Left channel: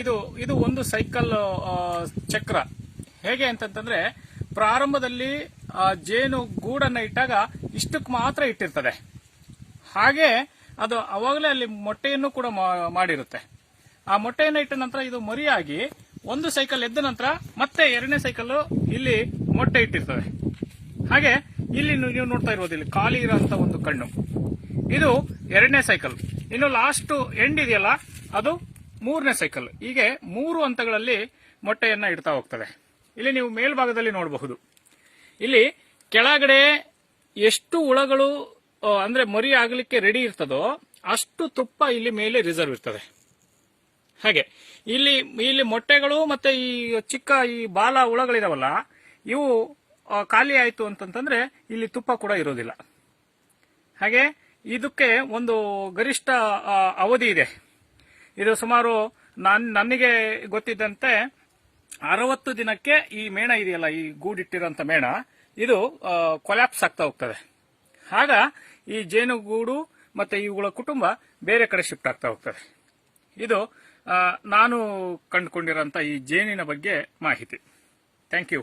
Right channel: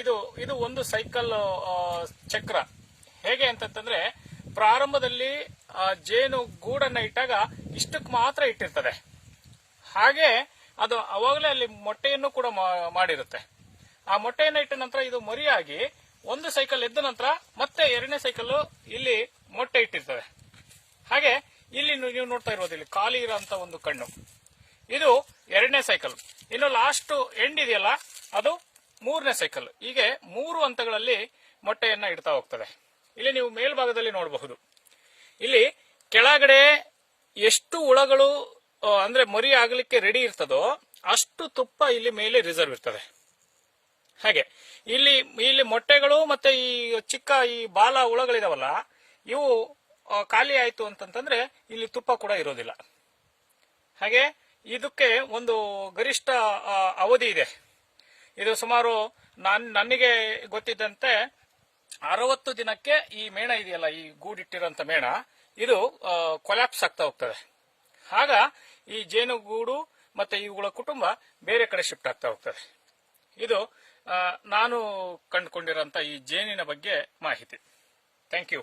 ಇದು ಇದು ಒಂದು ಸೈಕಲ್ ಚಕ್ರ. ಹೇಗೆ ಅಂತಂದ್ರೆ ಪ್ರಾರಂಭದಲ್ಲಿ ಜೇನು ಗೂಡನ್ನ ಇಟ್ಟಾಗ ಇಷ್ಟಕ್ಕೆ ಮಾತ್ರ ಇಟ್ಟಿರ್ತದೆ. ಹಾಗೆ ಅದು ಅವಾಗಲೇ ಅಲ್ಲಿ ಮೊಟ್ಟೆಯನ್ನು ಕೂಡ ಮಾಡಿರುತ್ತೆ. ಆ ಮೊಟ್ಟೆಯನ್ನು ಇಟ್ಟ ನಂತರ ಇದು ಮರಿಯಾಗಿ ಒಂದು ಸೈಕಲ್ ಎದ್ದ ನಂತರ ಮತ್ತೆ ಎರಡನೇ ಸೈಕಲ್ ಇಲ್ಲಿ ಮೊಟ್ಟೆ ಇಟ್ಟಿರ್ತವೆ. ಹಾಗೆ ಇಲ್ಲಿ ನೀವು ನೋಡ್ತಾ ಇರೋದು ಇಲ್ಲಿ ಖಾಲಿ ಇರೋಂತ ಒಂದು ಕಣ್ಣು, ಇದು ಎರಡನೇ ಸೈಕಲ್. ಇನ್ನು ಲಾಸ್ಟ್ ಎಂಡ್ ಇದೆಯಲ್ಲ ಅದು ಮೂರನೇ ಸೈಕಲ್. ಹೀಗೆ 3 ಹಂತಗಳಲ್ಲಿ ಮೊಟ್ಟೆಯನ್ನ ಇಡ್ತಾ ಹೋಗ್ತದೆ. ಇಲ್ಲಿ ನೀವು ಮೇಲ್ಭಾಗದಲ್ಲಿ ನೋಡಬಹುದು. ಇಲ್ಲಿ ಕೆಳಗಡೆ ಎಷ್ಟು ಹುಳಗಳು ಅಂದ್ರೆ ಮರಿ ಆಗಲಿಕ್ಕೆ ರೆಡಿ ಇರ್ತದೋ ಅಷ್ಟು ತುಪ್ಪ ಇಲ್ಲಿ ಮೇಲೆ ರಿಸರ್ವ್ ಇರ್ತದೆ. ಹಾಗೆ ಇಲ್ಲಿ ಮೊಟ್ಟೆಗಳು ಮತ್ತೆ ಈ ಚಿಕ್ಕ ಈ ಬಾಲ ಹುಳಗಳಿದಾವಲ್ಲ ಇವು ಖಾಲಿ ಆಯ್ತು ಅಂತಂದ್ರೆ ಇಲ್ಲಿ ತುಪ್ಪ ಕೂಡ ಇರೋದಿಲ್ಲ. ಹಾಗೆ ಇದಕ್ಕೆ ಒಂದು ಗರಿಷ್ಠ ಅವಧಿ ಇದೆ. ಇದು ಸುಮಾರು ನನಗೆ ಗೊತ್ತಿದ್ದಂತೆ 60 ದಿನಕ್ಕೆ ಈ ಮೇಣ ಇದೆಯಲ್ಲ, ಈ ಗೂಡಿಟ್ಟಿರೋಂಥ ಮೇಣ ಇದು ಕೊಲ್ಯಾಪ್ಸ್ ಆಗ್ತಾ ಹೋಗ್ತದೆ. ಆಗ ಈ ಜೇನುಗೂಡು ಮತ್ತೆ ಇವುಗಳ ಕುಟುಂಬ ಬೇರೆ ಕಡೆ ಶಿಫ್ಟ್ ಆಗ್ತಾ ಹೋಗ್ತದೆ. ಇದು ನಾನು ಕಂಡುಕೊಂಡಿರೋಂಥ ಈ ಜೇನಿನ ಬಗ್ಗೆ ಮಾಹಿತಿ. Thank you.